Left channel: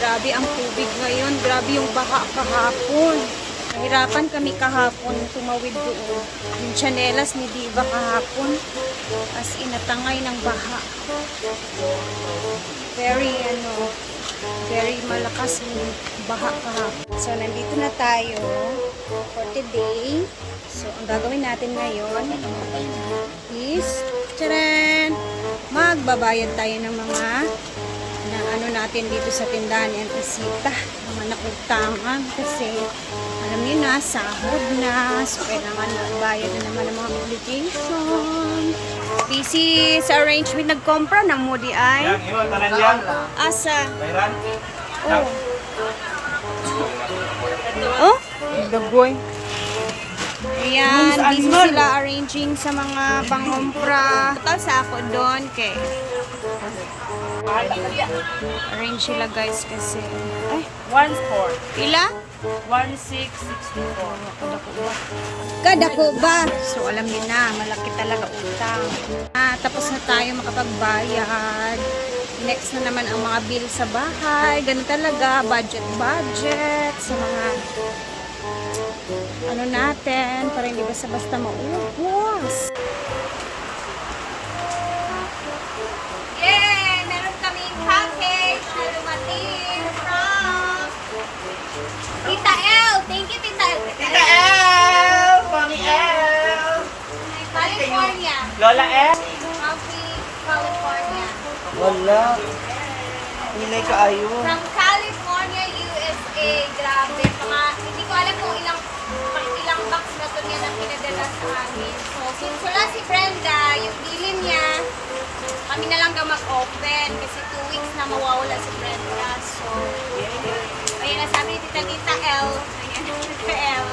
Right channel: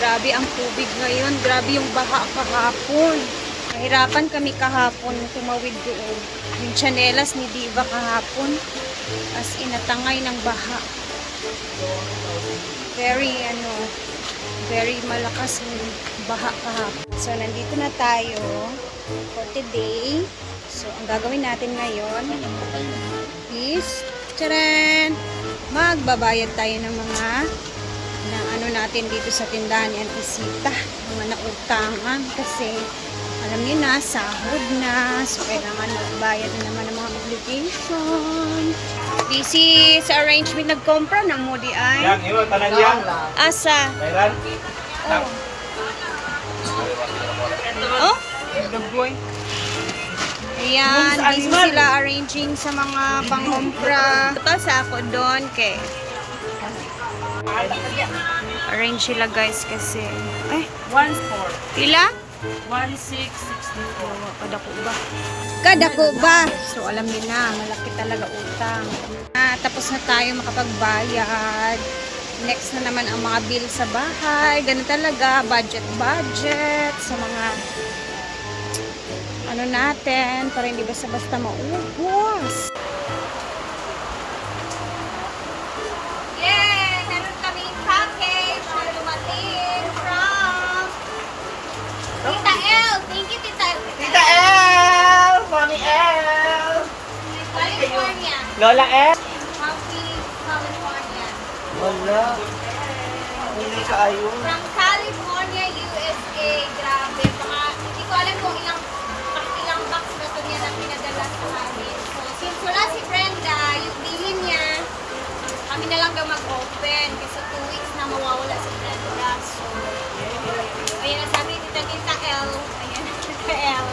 Grabe ang tubig ngayon. Grabe yung baha kahapon. Nahirapan kami kahapon tumawid doon. Yung chanelas ni Diva kahapon. As in, natangay ng baha. Very malakas yung baha kahapon. So, nandito na tayo for today. So, ang gagawin natin ngayon is, tcharan! Magbabayad tayo ng mga ano natin dito sa tindahan ni Auntie Sita, mga nautangan kasi alam niyo na, sahod na, so kailangan magbayad na naman ng mga obligation. Busy sa arrangement, nagkompra ng Moody ay Yan, iwan, tanan yan. asa Meron? oh the boy. Ayan, busy sila arranging sa mga pangompra. Tapos ako doon kay arrange sila guys kasi ay 1.4. pila? 1.664. Kadako ba? Kadako ba? So alam niyo na, malaki talaga utang. Tapos na tayo makapagbayad. Next na naman ang mga bill sa bahay. Ganun talaga, budget sa mga ano natin para hindi basta-basta maubos. Yeah! Meron kaming package na dumating from Tita L. Thank you, Tita L. Tita L! Mami L! California. Lola L! Happy California. Wala. Hindi ka ayun. From California, USA. Grabe. Hindi ko alam kung ilang box na to niya na pinadala sa amin. So, since wala si Brenda, yung dilim niya, kami na lang daw mag-open kasi 2 weeks na mawawala si Brenda. So, ayan na sabi ni Tita L. Ayan, Tita L.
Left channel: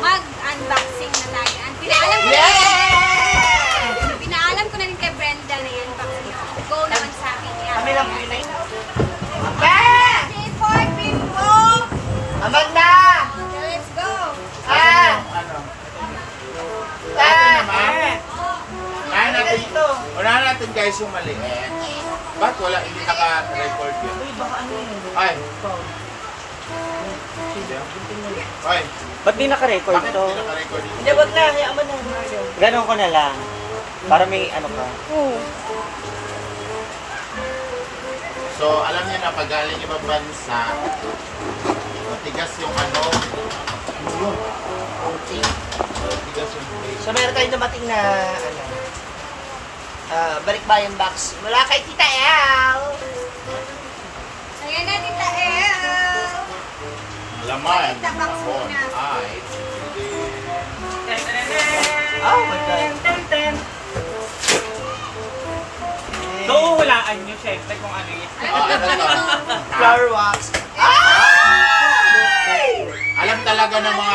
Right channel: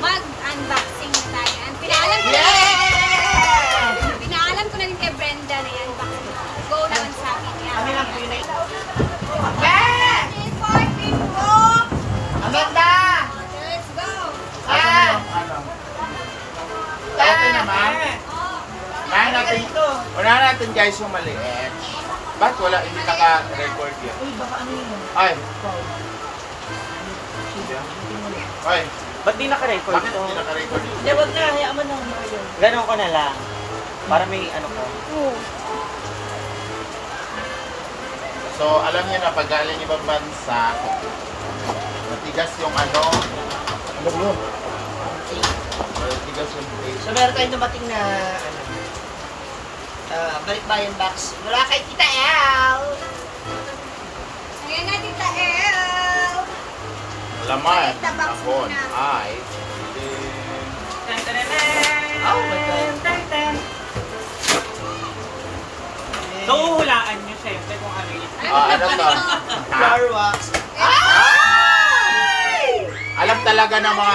Mag-unboxing na tayo. Pinaalam ko na pinaalam ko na din kay Brenda na yan. Go naman sabi niya. Kami lang pinay. K4 Bimbo! Amanda! Let's go! Ano? Okay naman. Unahan natin, unahan natin guys yung maliit. Ba't wala, hindi naka-record yun? Uy, baka ano yun? Ay. Ay. Ba't di naka-record Bakit ito? hindi naka-record yun? Hindi, wag na. Hayaan mo na, Mario. Ganon ko na lang. Para may ano ka. So, alam niyo na, pag galing ibang bansa, matigas yung ano, matigas yung face. So, meron tayong dumating na, ano, balikbayan box. Mula kay Tita L! Ayan na, Tita L! Laman, Balik tabak hapon, muna. ay, Oh my God. So, hulaan nyo syempre kung ano yun. Alam mo ano na to? ito? Flower wax. Alam talaga ng mga,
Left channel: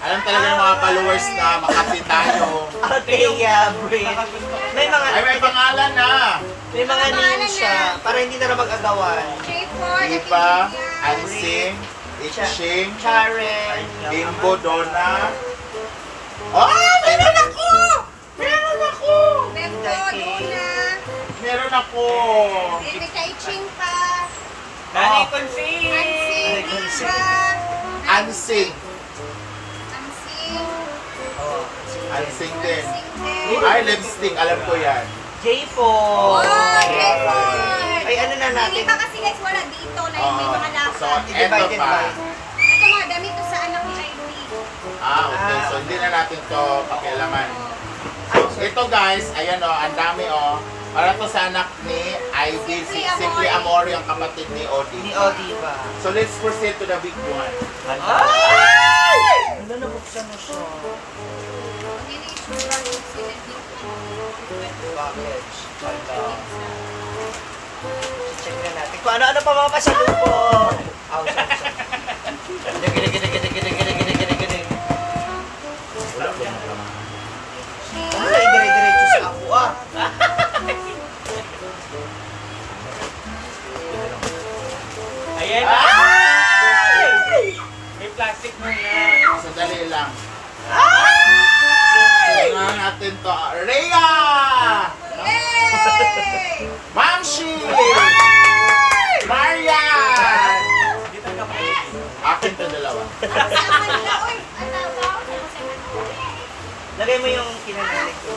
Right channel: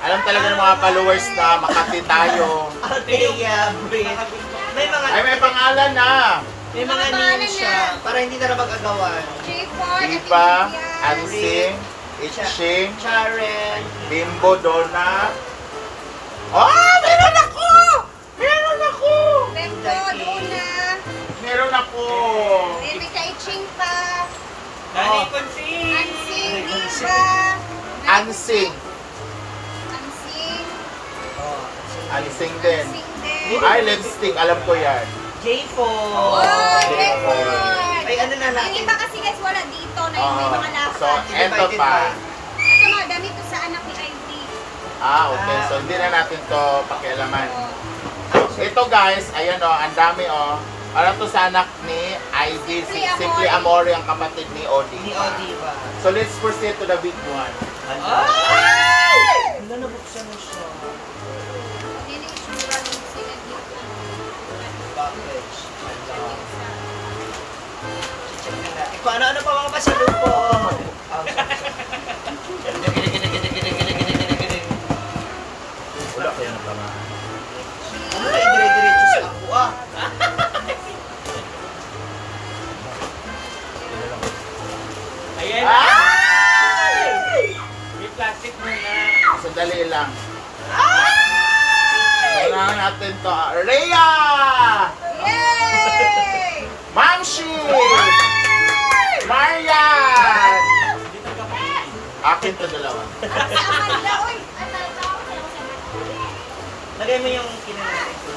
alam talaga ng mga followers na Makati tayo. Althea Breed. May mga, Ay, may pangalan na. may mga Mga pangalan names siya. na. Para hindi na mag-agawan. J4, Diba, Natindian. Ansing, Itching, Charen. Bimbo, Donna. Oh, meron ako! Meron ako! Bembo, Duna. Meron ako! Ayan, may kaiching pa. Nani Consing! Ansing, Diva. Ansing. Ansing. Oh, Ansing din. Ansing din. Ay, lipstick. Alam ko yan. J4. Oh, J4. Ay, ano na Yung natin? iba kasi guys, wala dito na yung may mga So, lakad. eto Divided pa. by. Ito mga damit to sa anak ni ID. Okay. So, hindi na natin to pakialaman. Oh. Ito guys, ayan o, ang dami o. Para to sa anak ni ID, Simply Simply Amore. Amore, ang kapatid ni Odi. Ni Odiva. So, let's proceed to the big one. Ay! Ano, nabuksan mo siya? Hindi na issue ba yung sinadip Package. Check na natin. Kung ano-ano pa mga pasalubong. Wala ko yung kamahan. Ano na dire-diretso sa ako ah? Ayan! Ay! May plastic muna. Sandali lang. Kailangan natin to. Rhea! Yay! Mamshi! Maria! Lagay mo yung kinanay ko.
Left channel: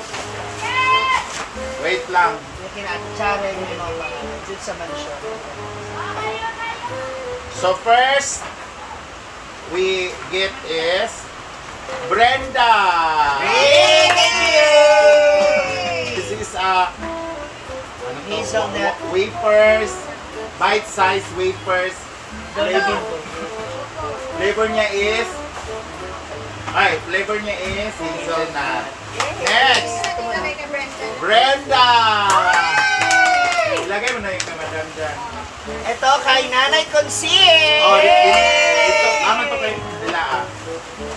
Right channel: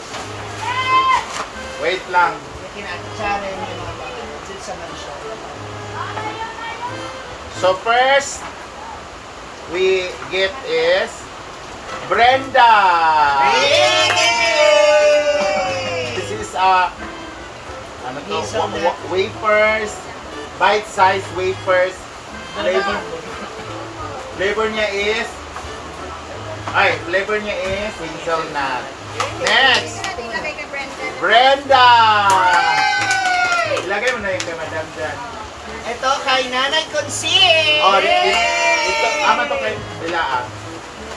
Wait lang. Yung kinatsara yung mga pangalan. Dito sa mansyon. So first, we get is Brenda. This is ano to? Hazelnut. Wafers, bite-sized wafers. Flavor niya is hazelnut. Next, Brenda. Ilagay mo na yung kay Madam dyan. Ito kay Nanay Consil. Oh, ito, ama to kay Bila.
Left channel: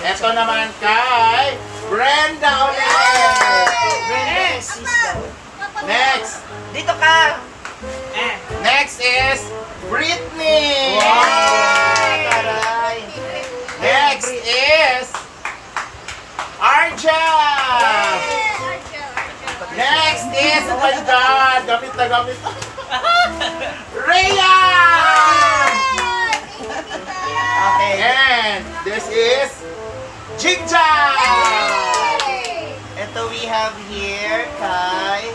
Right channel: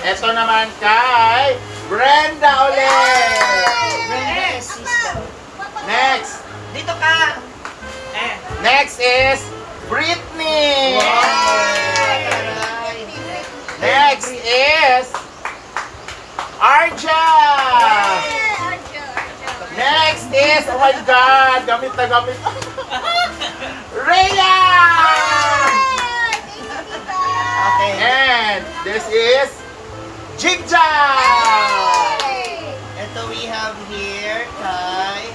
Ito naman kay Brenda ulit. Brenda sister. Next. Dito ka. Next is Britney. Taray. Next is Arja. Next is, oh my God, gamit na gamit. Rhea. Okay. And this is Jigja. Ito we have here kay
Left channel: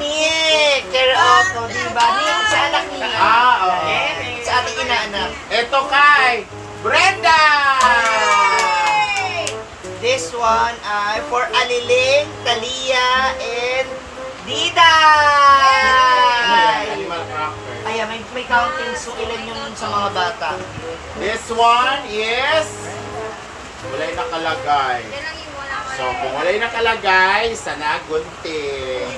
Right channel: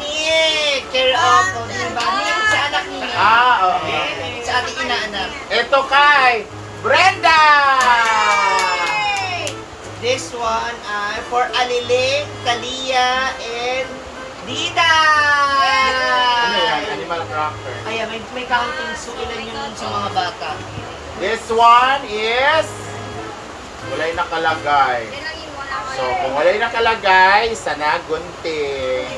Nick. Care of, oh, diba? Nick sa anak niya. Oo. Sa ating inaanak. Ito kay Brenda. This one ay for Aliling, Talia, and Dida. Ano yan? Animal cracker. Ayan, may counting so ilan yung sa mga bata. This one is wala'y nakalagay. So, kung wala'y nakalagay, sana gunting.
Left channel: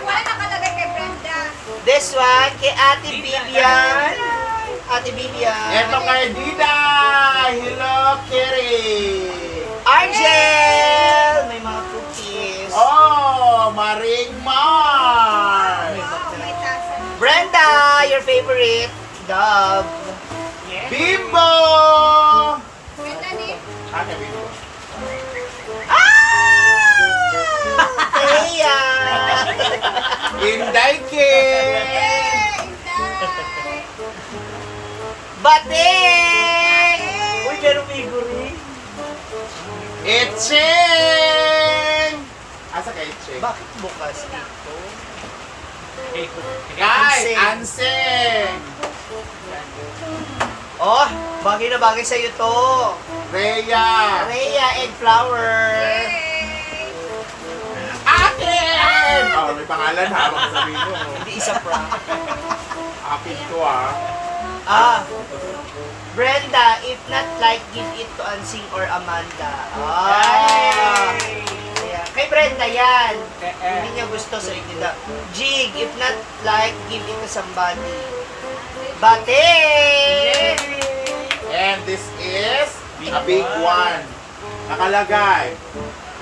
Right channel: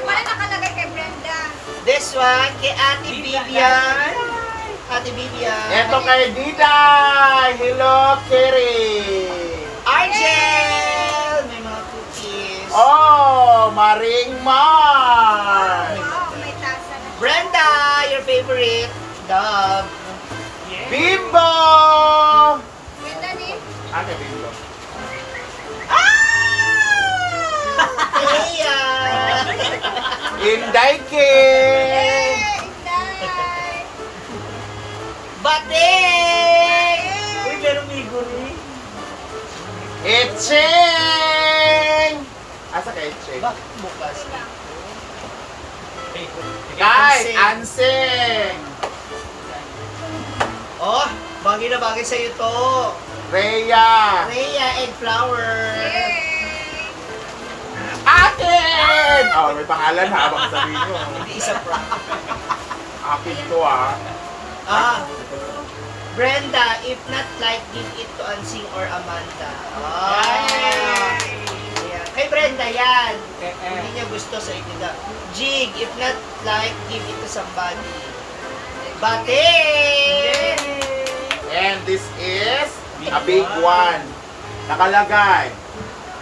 Wala nakalagay kay Brenda. This one kay Ate Vivian. Ate Vivian. Ito kay Dida. Hello, Kiri. Argel! May mga cookies. Oh, Maring Mar. Wow, may tasa na. Brenda, your favorite dog. Bimbo. Ganda ni. Ano Bimbo? Thea! Inday King. Inday. Bating! Uy, ganun miguri. Etcheng. Asa ka Etcheng? Bakit bukas ito? Kay Anseng. Oh, bagay na bagay sa'yo to. Rhea. Rhea and Flower. Akin! Oh, may pangalan ha, baka sabihin nyo. Hindi isa prank. Akin to ah. Brenda, if not like, give it to Ansing or Amanda. Ayan. Kay Brenda yan. Hindi niya gusto sa inyo. Jig, if not like, give it to somebody. Bate! And this is a big one. Nakalagay.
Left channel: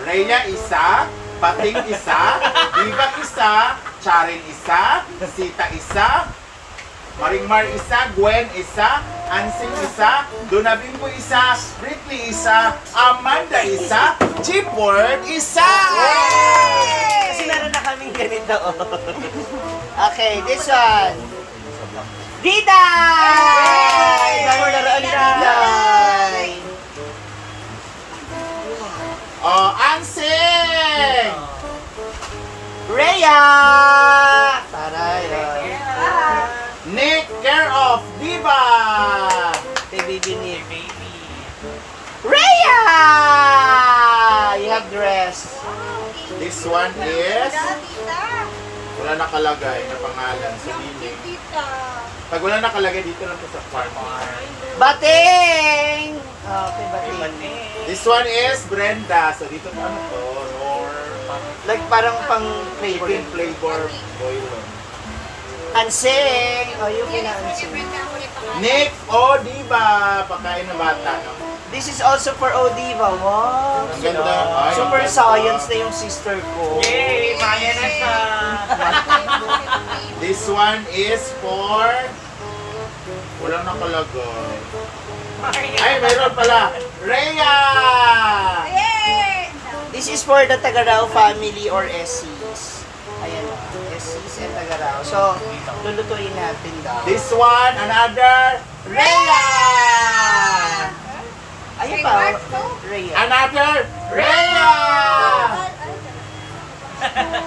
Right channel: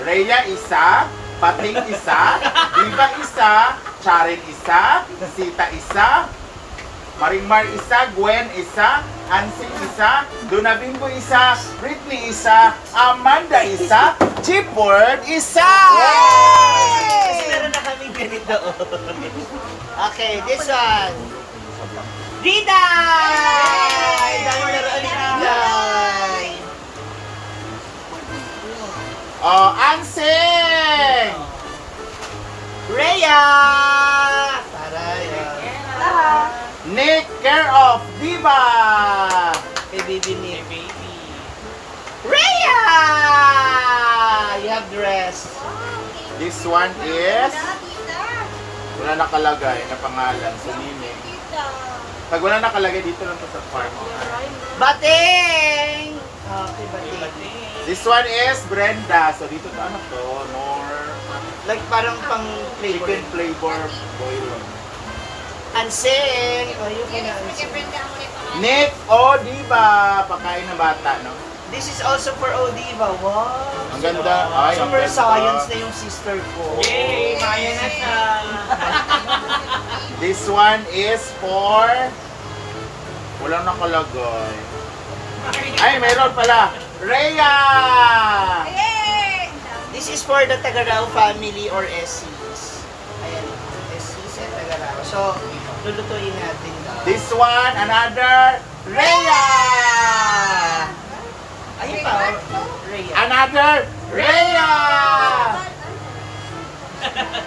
Rhea isa, Pating isa, Diva isa, Charin isa, Sita isa, Maringmar isa, Gwen isa, Ansing isa, Donabimbo isa, Britney isa, Amanda isa, Chipword isa! Kasi meron na kami ganito. Okay, this one. Diday! Naroon Diday! Oh, Ansing! Rhea! Taray. Nick, care of Diva! Kay baby ni Rhea! You have dress. Wow, This one is, Tita. wala nakalagay na pangalan sa meaning. Tita. Pag wala nakalagay dito lang to sa farm. Bating! Okay, bating. This one is Brenda. So dito pa ano to? Like parang pang flavor. Chicken flavor boilon. Ansing! Oh, yung Yan, kina kay Brenda ang ulit pangalan. Nick, oh di ba? Pagkain ng bata, no? This is also for Odiva. Wow! Ang ganda. Ay, ang Super ganda. science na yung sister ko. Yay! Maya na siya! This one is for... Walang nakalagay. Ay, mayroon pala. Rhea! Yay! This is for the Tagarao family or SCs. Ayan, SCs and Tagarao. So, lulutuin natin daw. This one, another Rhea! Ayun pa. Rhea. Another Rhea!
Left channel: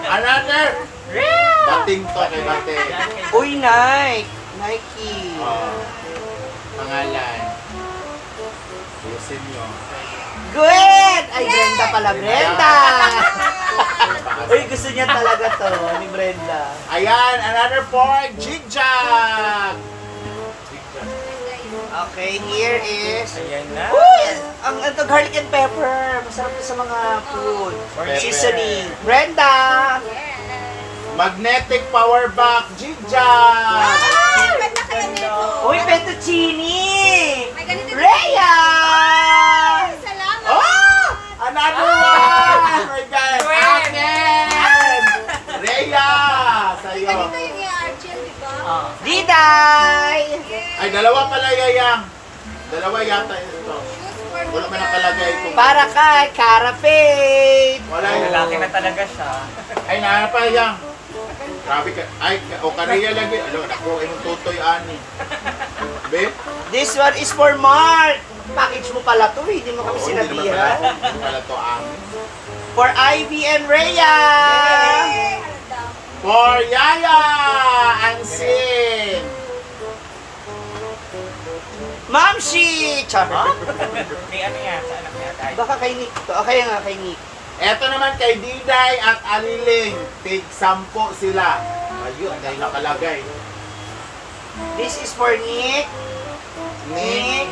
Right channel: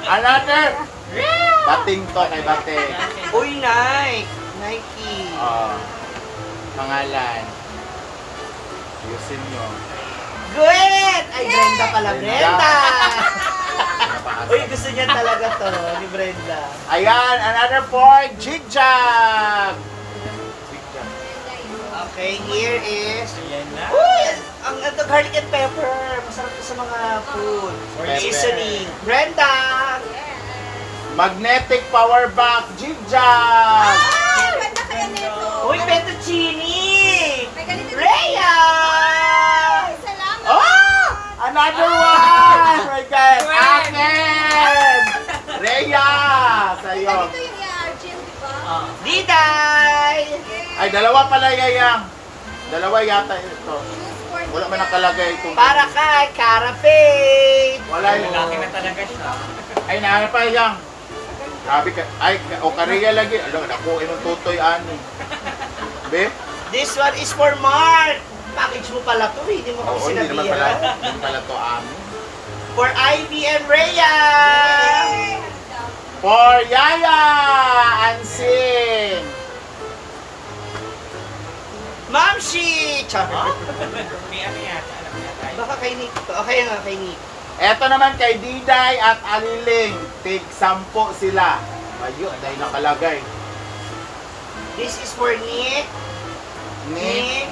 Another Rhea! Bating to kay Bating. Uy, Nike. Nike. Pangalan. Ayusin nyo. Good! Ay, Brenda pala. Brenda! Napakasama. Uy, gusto niya talaga to, ni Brenda. Ayan, another for Jigjag! Jigjag. Okay, here is... Ayan na. Uy! Ang ito, garlic and pepper. Masarap to sa mga food. Or Pepper. seasoning. Brenda! Magnetic power bank, Jigjag! Ganda kaya nito. Uy, fettuccine! May ganito din. Rhea! Salamat. Oh! Another one! My God! Akin! Rhea! May Sa'yo. ganito yung i-argil, di ba? Diday! Ay, dalawa pala yayang. Dalawa yata ito. Wala man nakalagay kung... Para kay Cara Faith! Wala yung... Lalaki na talaga siya. Ay, nahanap pa yang. Grabe ka. Ay, o Korea lagi. Alam, ako, imong tutoy ani. Be? This one is for Mark! Package mo pala to, hindi mo kami Oo, hindi naman pala. sinabihan. Hindi pala to amin. For Ivy and Rhea! For Yaya and Sin. Mamshi! Charot! May ano nga sa anak na tayo. Baka kay Nick to. Okay nga kay Nick. Eto naman kay Diday at Aliling. Tig 10 sila. Ayun, dahil nakalagay. This is for Nick. Nick.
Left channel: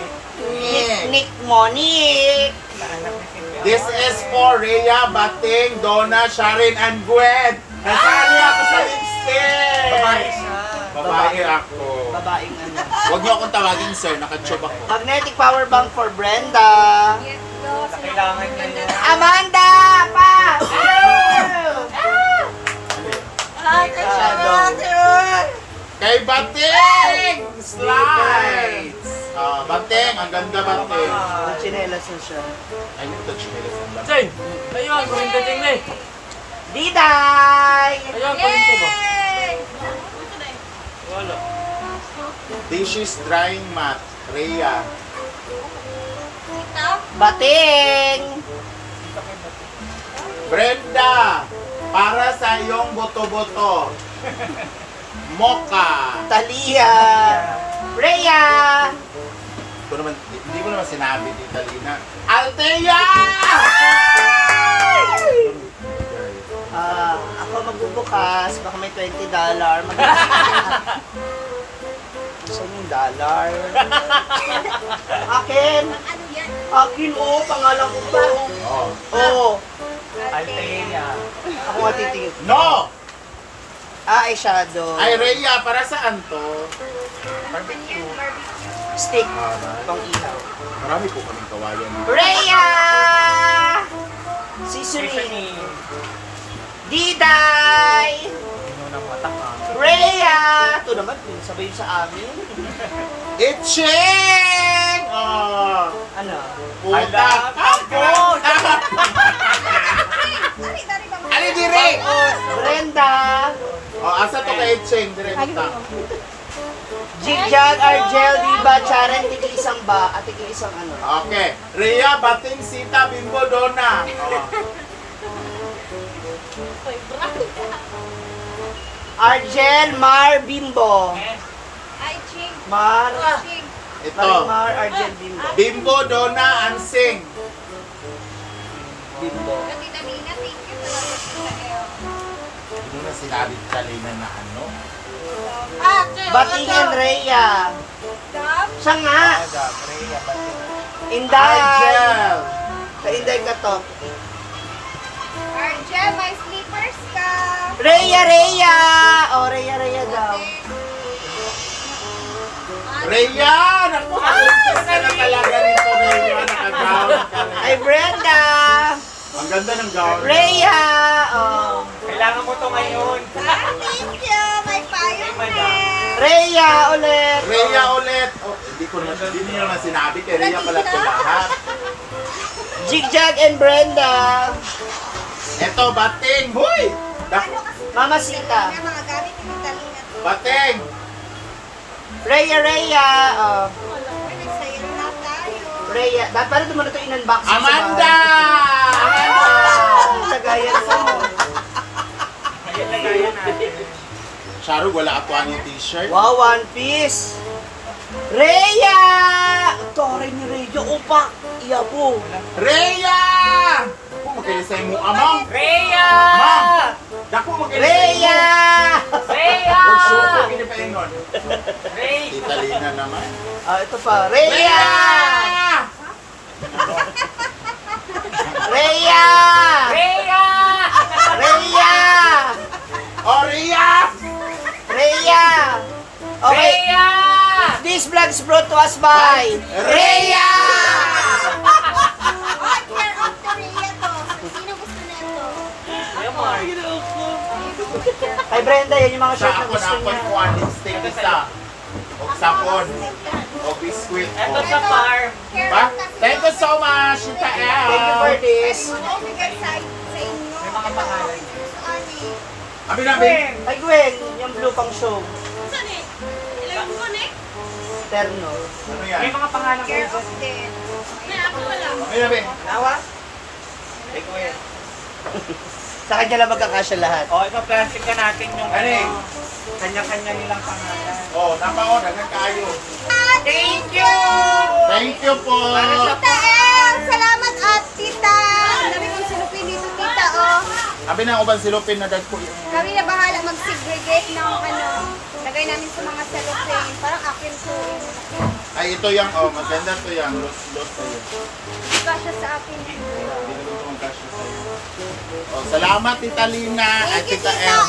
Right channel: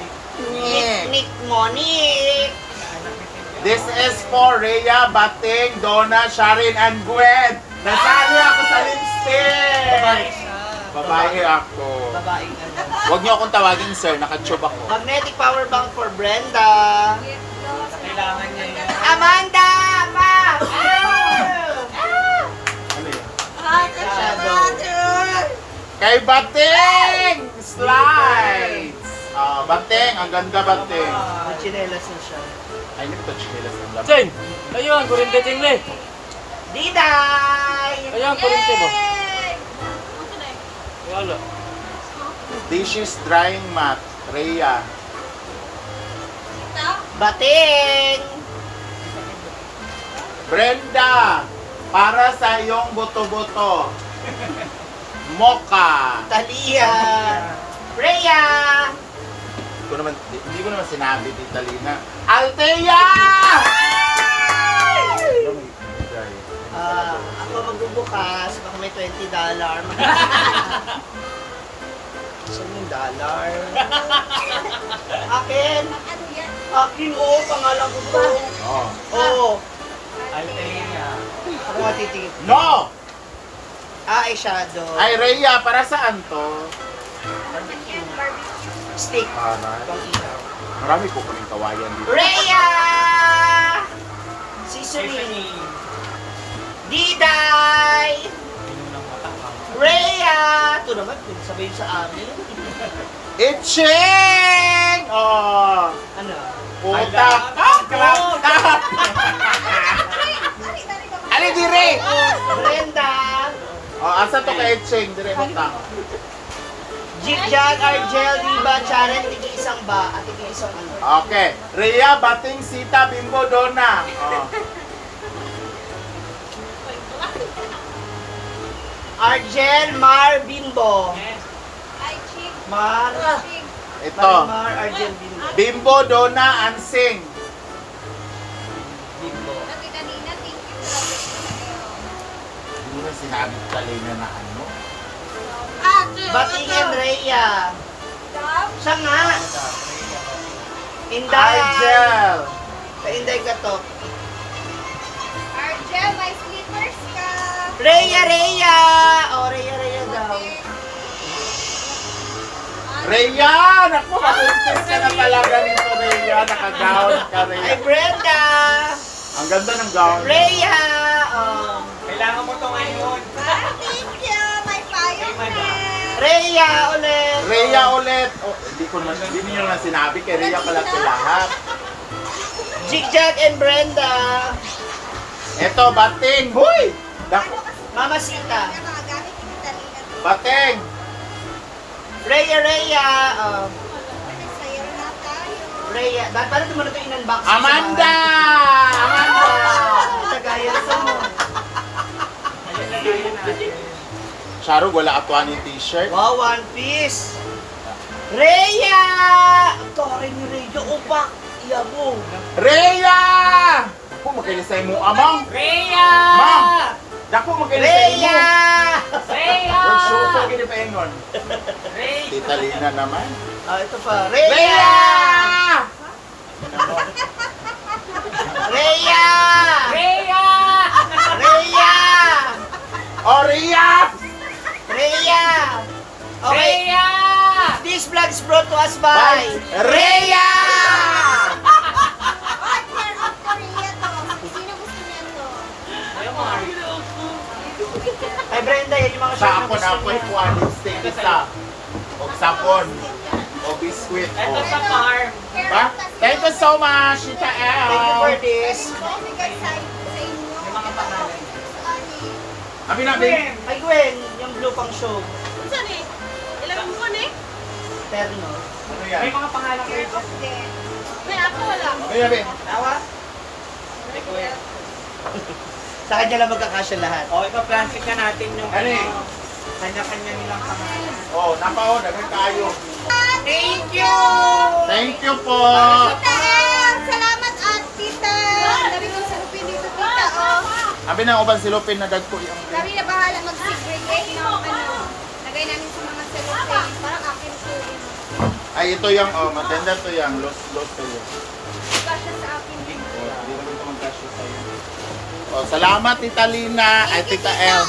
Nick mo, Nick! Sa anak ni Cynthia. This is for Rhea, Bating, Donna, Sharon, and Gwen. Nasali ako sa lipstick. Babae siya. Babae ako. Babaeng ano. Huwag niyo akong tawagin sir, nakatube ako. Magnetic power bank for Brenda. Sa kailangan niya yun. Amanda! Pa! Ay, Kay Bating! Slides! Bating, ang ganda Bating. Ang chinelas na siya. Ay, ito chinelas ng laban. Jen! Ayun, kurente din eh. Diday! Ayun, kurente mo. Wala. Dishes drying mat, Rhea. Bating! Brenda, para sa iyong boto-boto. Mocha. Talia! Rhea! Hindi ko naman sinabi, Tita Lina. Althea! Ako magbubukas, baka may $20. Saan yung dollar? Akin! Ano yan? Akin, oh, pangalan ko to. Oh. Oh, Althea. ako matitingin. No! Eyeshadow. Ay, Rhea, para saan to? Ano man yan? Barbecue. Stick. Para. Itong ihaw. Marami po kaming kawayan dito. Rhea! Seasoning. Diday! Ano ng mata ka? Rhea! Ito naman, sabay sa amin. Itching! Oh! Ano? Puta! Tapos! Dari ba? Ali, dire! Brenda! Oh, asa to kay Itching? Dire, punta. Jigjag, Argel, Diba, Charan, tigi isang ba, at tigi isang ano. Okay. Rhea, Bating, Sita, Bimbo, Donna. Oh. Argel, Mar, Bimbo. Ay, ching. Mar. Ching. Ito. Mar, Argel, Bimbo. Bimbo, Donna, and Sing. Bimbo. Tita Nina, thank you. Salamat sa iyo. Ano na sinabi Talina na ano? Bating and Rhea. Dam. Siya nga. Rhea, Bating. Inday. Argel! Ka-inday ka to. Argel, may slippers ka. Rhea, Rhea. Oh, Rhea, Rhea daw. Rhea! Naku, nakuntis ka na talaga nito, Rhea. Nakagawin ka, Ay, Rhea. Brenda. Ang ganda ng gown. Rhea. Oh. Kailangan mo to ngayon. Thank you. May payong rin. Rhea ulit. Rhea ulit. Oh, hindi niyo naman sinabi kay Rhea pala ito lahat. Jigjag and Brenda. Eto, Bating. Huy! Ano kasi Mama Sita. yung mga gamit ni Tita Nina? Bating! Rhea, Rhea. Oh. Uy, nagsayal na Rhea. Paano naman ito in-unboxing? Amanda! Amanda! Sa gaya mo. Ayun na yun natin. Charo, wala ka yung t-shirt. Wow, One Piece! Rhea! Ang taray ni Rhea. Opa! Iyabo. Rhea! Dako magkailisay mo, amang. Rhea! Ma'am! Dako magkailisay mo. Rhea! Rhea! Huwag suko, gini pa ingon. Rhea! Tita Lina naman. Ito pa. Rhea! Rhea! Rhea! Rhea! Rhea! Oh, Rhea! Rhea! Okay. Rhea! This vlog is brought to us by Rhea! Oh, share of the Rhea to. Sino gusto nito? Ayun, Mark. Ay Brenda, yan yung mga shirt Sa na ako gusto na apoy niyo. ko ang lipstick isa. O sapon. O biskuit. Ito O. sa farm. Ba? Thank you so much, Tita Thank you for El. this. Bigay sa inyo. May mga pangalan. Sorry. Abi nabi. Ay Gwen, yung blue pang show. Saan eh? Ilang mo eh? Terno. Ano May yan? mga pangalan Care kayo. of them. May ako wala. Abi nabi. Tawa? Ay Gwen. Sa kanya lang magkakasya lahat. O, ipa-plastic na natin yung Ano eh? kanya-kanya nilang pangalan. O, napao, dagan kayo. Thank you! Thank you po. Para sa Salamat at tita. Nabi kong sulupin dito tita oh. Abi na uban silupin na dagko yung Kami na bahala mag-segregate ng ano. Lagay namin sa mga cellophane. Parang akin po. Ay, ito yung, oh, maganda to yung los tayo. Kasya sa akin. Hindi naman ito magkasya sa'yo. Oh, salamat, Tita Lina. Ay, Tita El.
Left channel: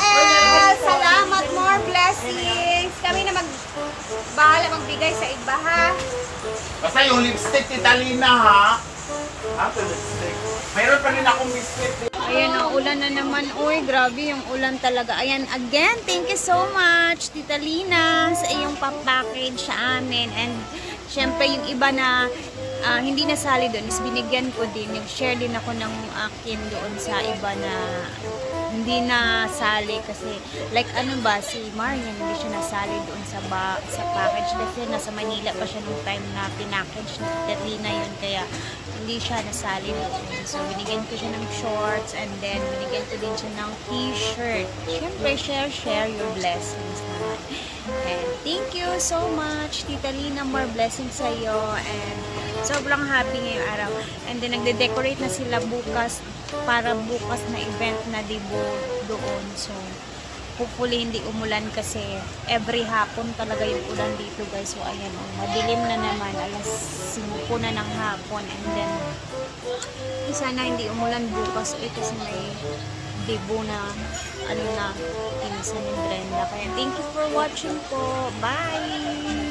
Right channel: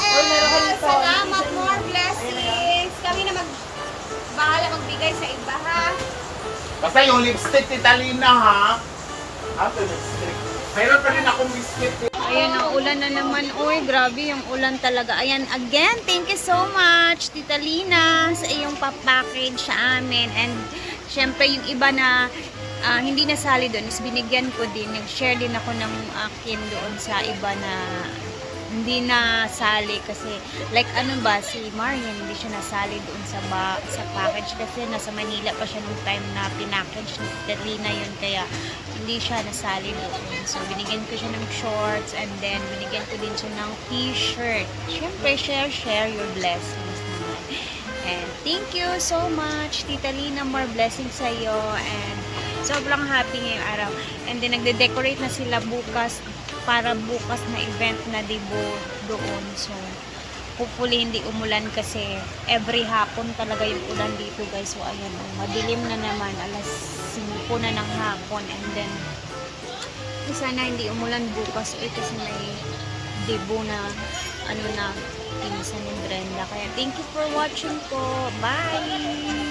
Salamat, more blessings. Kami na bahala magbigay sa iba ha. Basta yung lipstick, Tita Lina, ha? Ito lipstick. Mayroon pa rin akong lipstick. Ayan o, ulan na naman. Uy, grabe yung ulan talaga. Ayan, again, thank you so much, Tita Lina, sa iyong papackage sa amin. And, syempre, yung iba na hindi nasali doon is binigyan ko din. Nag-share din ako ng akin doon sa iba na hindi nasali kasi like ano ba si Marian hindi siya nasali doon sa package kasi nasa Manila pa siya nung time na pinackage ni Terlina yun kaya hindi siya nasali doon. So binigyan ko siya ng shorts and then binigyan ko din siya ng t-shirt. Syempre share your blessings naman. And thank you so much Tita Lina, more blessings sa iyo and sobrang happy ngayong araw. And then nagde-decorate na sila bukas para bukas na event na dibo doon. So hopefully hindi umulan kasi every hapon talaga yung ulan dito guys. So ayan, madilim na naman, alas 5 na ng hapon and then sana hindi umulan bukas kasi may dibo na ano na pinsan ni Brenda. Kaya thank you for watching po. Bye!